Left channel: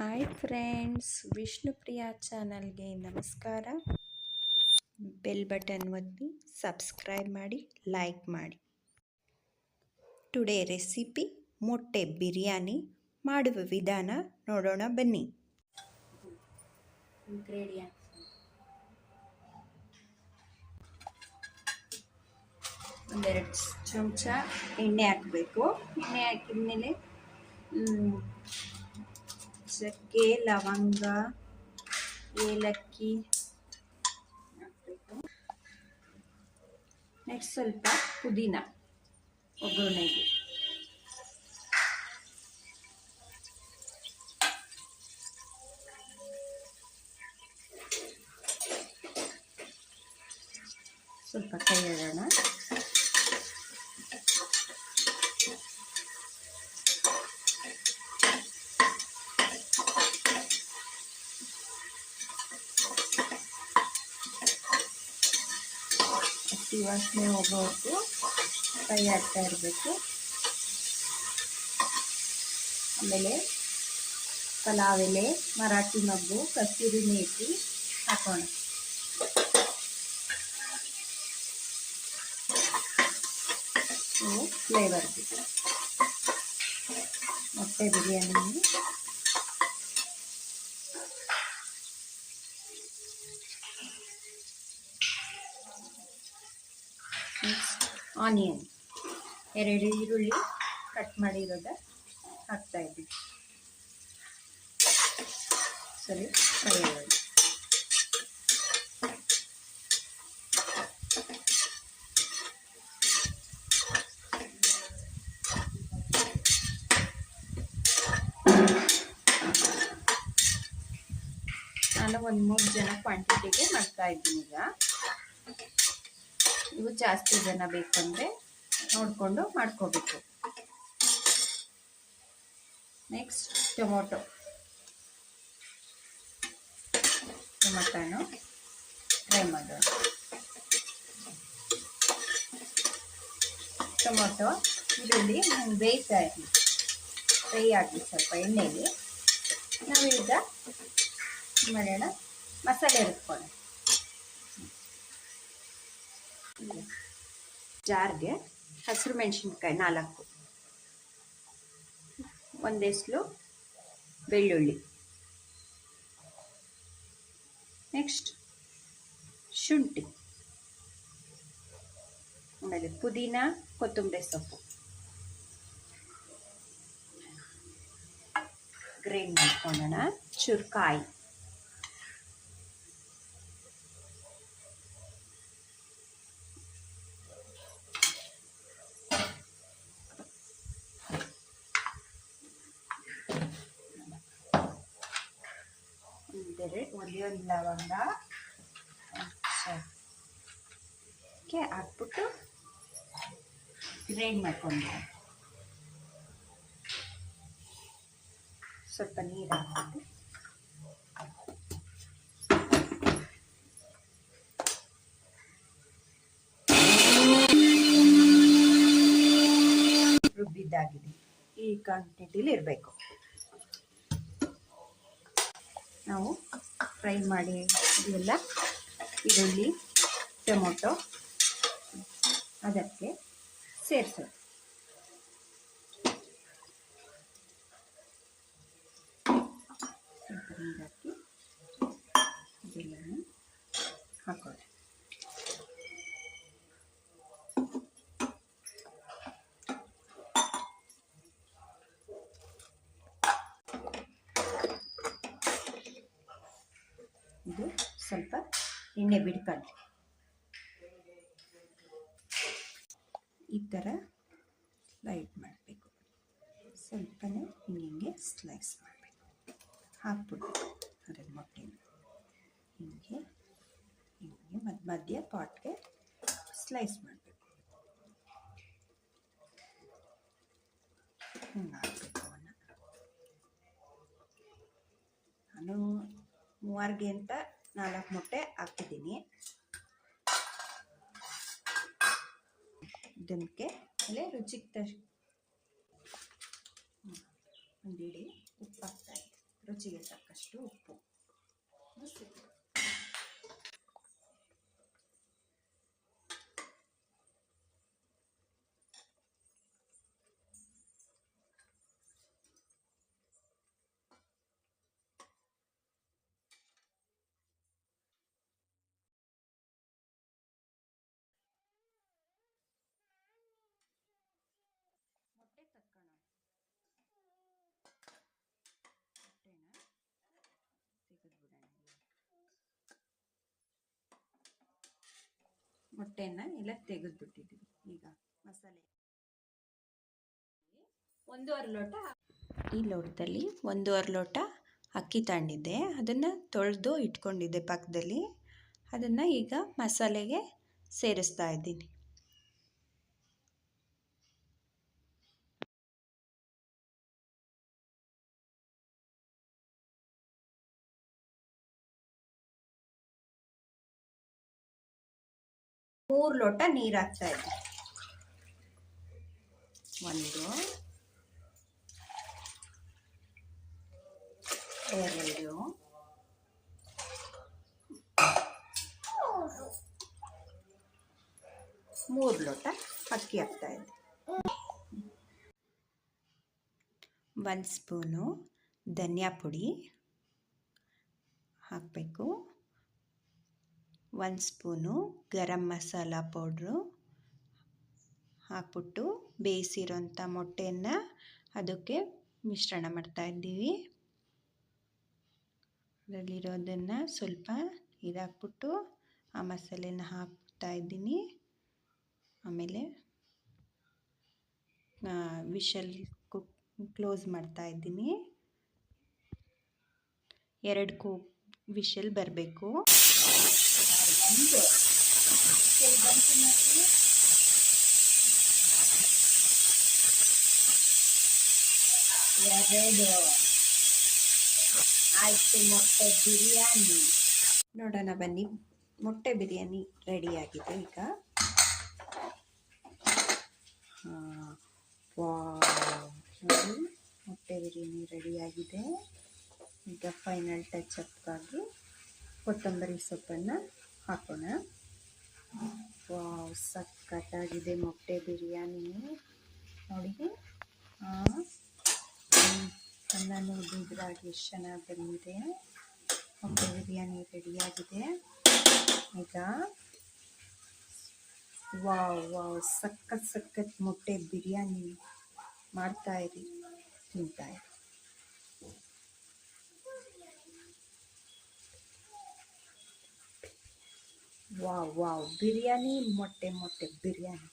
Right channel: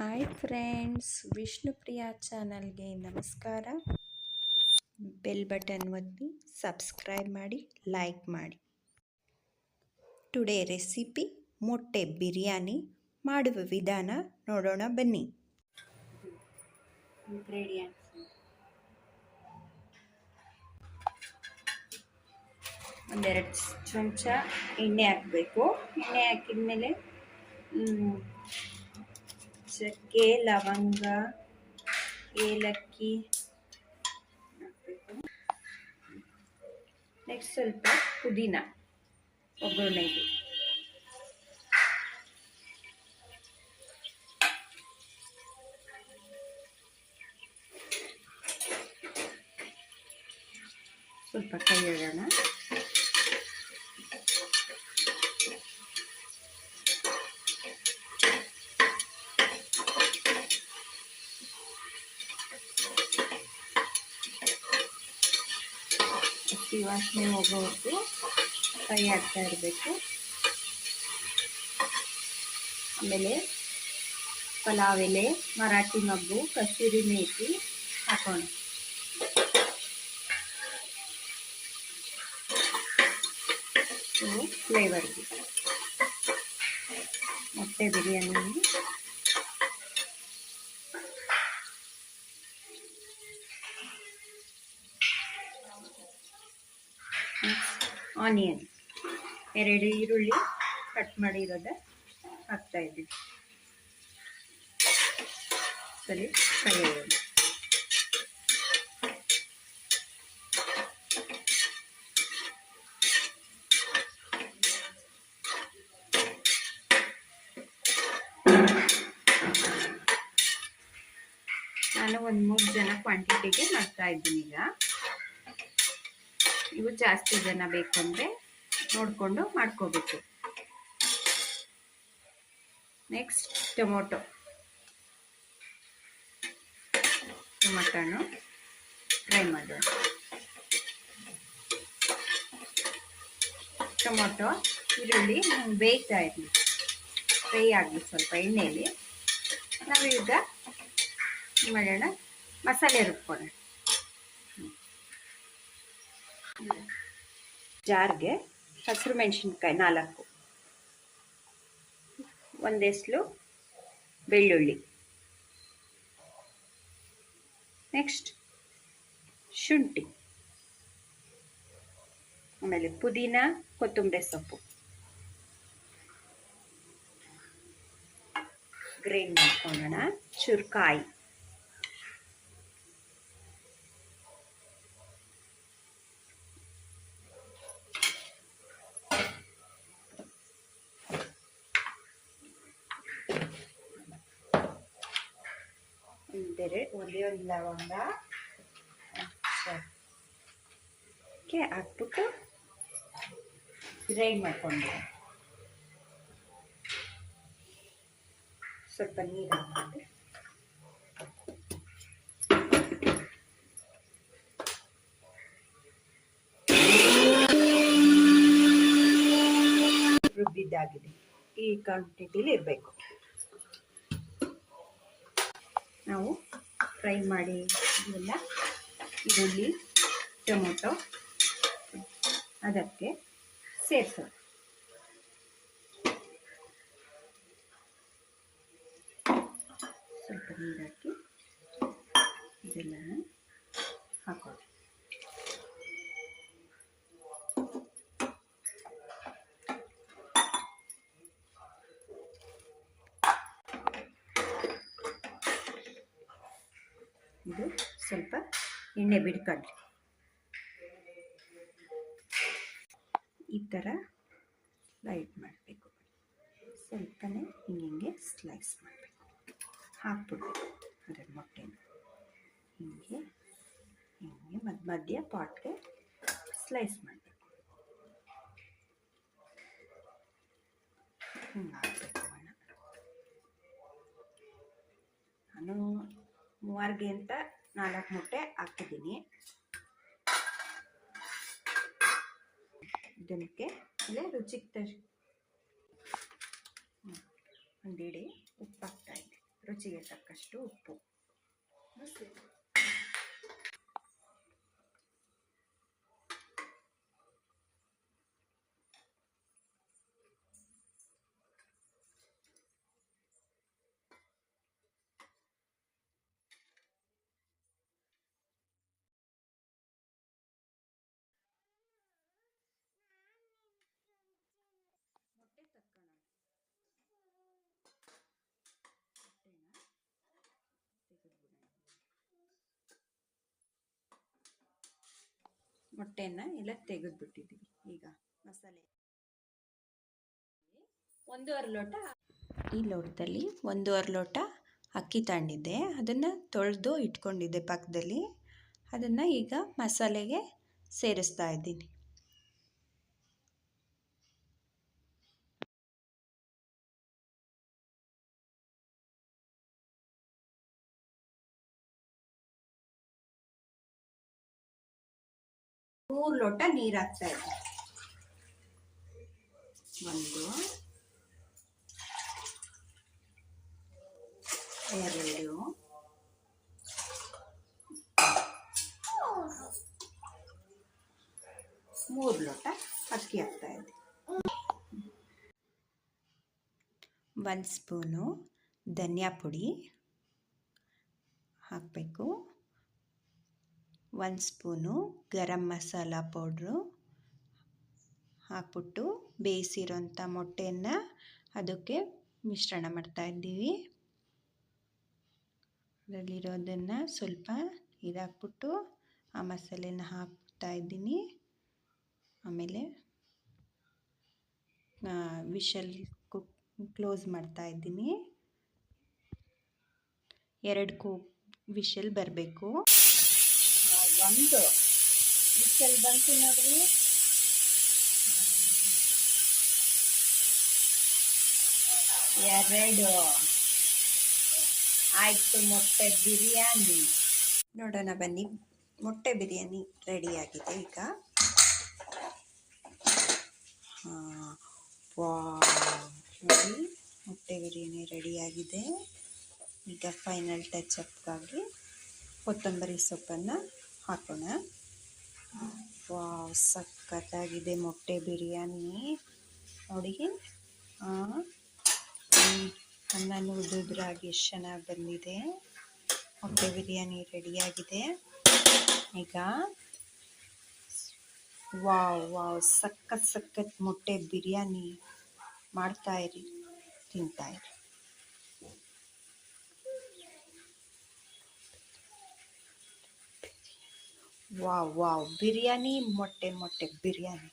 Hi friends, Vishnupriya ಚಾನಲ್ಗೆ ನಮಸ್ಕಾರ. Bell button ಒತ್ತಿ ಸಬ್ಸ್ಕ್ರೈಬ್ ಮಾಡಿ, ಲೈಕ್ ಮಾಡಿ. ಟುಡೇ ರೆಸಿಪಿ ಮೊಟ್ಟೆ ಬಿರಿಯಾನಿ ಮಾಡುವ ವಿಧಾನ ನೋಡೋಣ ಬನ್ನಿ. ಇಂಗ್ರೀಡಿಯೆಂಟ್ಸ್: ಒಂದೆರಡು ಚಮಚ ಎಣ್ಣೆ ಹಾಕಬೇಕು. ಎಣ್ಣೆ ಹಾಕಿದ್ಮೇಲೆ ಚಕ್ಕೆ, ಲವಂಗ, ಏಲಕ್ಕಿ ಹಾಕಬೇಕು. ನೆಕ್ಸ್ಟ್ ಸ್ವಲ್ಪ ಪುದೀನ ಒಗ್ಗರಣೆಗೆ. ಸ್ವಲ್ಪ ಕೈ ಇಡೋಣ. ಹಸಿ ವಾಸನೆ ಹೋಗೋವರೆಗೂ ಕೈ ಆಡ್ತಾ ಇರಬೇಕು. ಆಮೇಲೆ ಪಲಾವ್ ಎಲೆ, ಮರಾಠಿ ಮಗ್ಗು, ಕಸೂರಿ ಮೇಥಿ ಹಾಕೋಣ. ಇವು ಫ್ಲೇವರ್ಗೆ ಮೊಟ್ಟೆ ಬಿರಿಯಾನಿ. ನೆಕ್ಸ್ಟ್ ಆನಿಯನ್, 2 ಈರುಳ್ಳಿ ಕಟ್ ಮಾಡಿರೋದ ಹಾಕ್ತಾ ಇದ್ದೀವಿ. ಸರಿ, ಫ್ರೈ ಮಾಡೋಣ. ನಾನು ಒಂದು 3 ಜನ ಕ್ವಾಂಟಿಟಿಗೆ ಮಾಡ್ತಾ ಇದ್ದೀನಿ. ಈಗ ಇವು ಜಾಸ್ತಿ ಜನ ಬೇಕಂದರೆ ನೋಡಿಕೊಂಡು ಮಾಡ್ಕೋಬೇಕು. ನೆಕ್ಸ್ಟ್ ಟೊಮೊಟೊನು ಫ್ರೈ ಮಾಡೋಣ. ಟೊಮೊಟೊ, ಈರುಳ್ಳಿ ಬೇಯ್ತಾ ಇರಲಿ, ಫ್ರೈ ಆಗಲಿ ಸ್ವಲ್ಪ ಎಣ್ಣೆಯಲ್ಲಿ. ನಾವೀಗ ಮಾಡೋಣ, ಮಸಾಲೆ ರುಬ್ಕೊಳ್ಳೋಣ. ಜಾರ್ಗೆ ಹಸಿರು ಮೆಣಸಿನ್ಕಾಯಿ 4, ಒಂದೆಸ್ಲು ಬೆಳ್ಳುಳ್ಳಿ, ನೆಕ್ಸ್ಟ್ ಶುಂಠಿ, ಆಮೇಲೆ ಪುದೀನ, ಕೊತ್ತಂಬರಿ ಸೊಪ್ಪು ಗ್ರೈಂಡ್ ಮಾಡ್ಕೊಳ್ಳೋಣ. ಚುರ್ಕಾಯಿ, ಒಂದೇ ಒಂದು ಲವಂಗ ಹಾಕ್ಬಿಟ್ಟು ಗ್ರೈಂಡ್ ಮಾಡ್ಕೊಂಡು ಸ್ವಲ್ಪ ನೀರು ಹಾಕ್ಬಿಟ್ಟು ರುಬ್ಬಿದ್ದಾಗಿದೆ. ಈ ಕ್ವಾಂಟಿಟಿಲಿ ಇರಬೇಕು. ನಾವು ಫ್ರೈ ಮಾಡಿ ಇದೆಲ್ಲ ಈರುಳ್ಳಿ, ಟೊಮೊಟೊ ಅದಕ್ಕೆ ಸೇರಿಸೋದು. ಸ್ವಲ್ಪ ನೀರು ಹಾಕಿ ಇದೆಲ್ಲ ಹಾಕೋದು. ಇದು ಸ್ವಲ್ಪ ಎಣ್ಣೆ ಬಿಡ್ಕೊಳ್ಳಿ. ಈ ಥರ ಸ್ಲೈಡ್ ಮಾಡಬೇಕು. ಸ್ವಲ್ಪನೇ ಹಿಂಗೆ ಸ್ಲೈಸ್ ಮಾಡಬೇಕು. ಹಾಕ್ಬಿಡ್ಬೇಕು ಅದರ ಮೊಟ್ಟೆನ ಹಿಂಗೆ ಮಧ್ಯ ಪಾಟ್ಗೆ ಸ್ಲೈಸ್ ಮಾಡಬೇಕು. ಹಿಂಗೆ ಹಾಕಬೇಕು. ನಾನು 3ಗೆ ಅಂತ 4 ಮೊಟ್ಟೆ ಹಾಕಿದ್ದೀನಿ. ಇದಕ್ಕೆ ಆಮೇಲೆ ರುಚಿಗೆ ಒಂದು ಇಡಿ ಉಪ್ಪು ಹಾಕ್ತಾ ಇದ್ದೀನಿ. ರುಚಿಗೆ ತಕ್ಕಷ್ಟು ಉಪ್ಪು. ಮೊಟ್ಟೆ ತಕ್ಕಣ ಮೊಟ್ಟೆನ ಎಲ್ಲ ತೆಗೆದ್ಬಿಟ್ಟಿದ್ದೀವಿ. ಈಗ ಮಸಾಲೆ 1.5 ಲೋಟ, ಈ ಲೋಟದಲ್ಲಿ 1.5 ಲೋಟ ಅಕ್ಕಿ ತಗೊಂಡಿದ್ದೆ, ಅದನ್ನು ತೊಳೆದು ಇಟ್ಕೊಂಡಿದ್ದೆ ಪಕ್ಕದಲ್ಲಿ. ಅದನ್ನು ಈಗ ಮಸಾಲೆಗೆ ಸೇರಿಸ್ತಾ ಇದ್ದೀನಿ. ಮೂರು ಲೋಟ ನೀರು ಹಾಕ್ತಾ ಇದ್ದೀನಿ. 1 2 3 ಲೋಟ ಅಕ್ಕಿ ಹಾಕ್ತಾ ಇದ್ದೀನಿ. 1 ಸ್ಪೂನು ಧನಿಯಾ ಪುಡಿ ಹಾಕಬೇಕು. 1 ಸ್ಪೂನು ಗರಂ ಮಸಾಲ ಪೌಡ್ರು ಹಾಕ್ಬಿಟ್ಟು ಬೇಯಿಸಿರೋಂಥ ಮೊಟ್ಟೆಯನ್ನು ಅದಕ್ಕೆ ಮಿಶ್ರಣ ಮಾಡ್ತಾ ಇದ್ದೀವಿ. ಅದರಲ್ಲಿರೋದನ್ನು ಸ್ವಲ್ಪ ಇದಾಕ್ಬಿಟ್ಟು ಆ ಮಸಾಲೆನ ಹಾಕ್ತಾ ಇದ್ದೀನಿ. ಆಮೇಲೆ ವಿಷಲ್ ಕ್ಲೋಸ್ ಮಾಡ್ತಾ ಇದ್ದೀನಿ. 2 ವಿಷಲ್ ಬರಬೇಕು. 1 ವಿಷಲ್ ಬಂತು ನೋಡ್ರಿ. 2 ಆಯಿತು ಮೊಟ್ಟೆ ಬಿರಿಯಾನಿ. ನೋಡೋಣ ಬನ್ನಿ, ಮೊಟ್ಟೆ ಬಿರಿಯಾನಿ ರೆಡಿಯಾಗಿದೆ ಈಗ. ನೋಡಿ, ಮೊಟ್ಟೆ ಬಿರಿಯಾನಿ ರೆಡಿಯಾಗಿದೆ. ಈಗ ಫೈನಲ್ ಟಚಪ್ಗಾಗಿ ಕೊತ್ತಂಬರಿ ಸೊಪ್ಪನ್ನು ಹಾಕೋಣ. ವಾವ್, ಸಖತ್ತಾಗಿದೆ ಮೊಟ್ಟೆ ಬಿರಿಯಾನಿ. ನೋಡಿ, ಅನ್ನ ಉದುರಾಗಿ ಎಷ್ಟು ಚೆನ್ನಾಗಿ ಬಂದಿದೆ. ಮೊಟ್ಟೆ ಬಿರಿಯಾನಿ ರೆಡಿಯಾಗಿದೆ ಈಗ. ವಾವ್, ಸಖತ್ ಮೊಟ್ಟೆ ಬಿರಿಯಾನಿ ಮಾಡ್ತಾಯಿರಿ, ತಿಂತಾಯಿರಿ. ವಾವ್, ಬಿರಿಯಾನಿ ಮೊಟ್ಟೆ ಬಿರಿಯಾನಿ.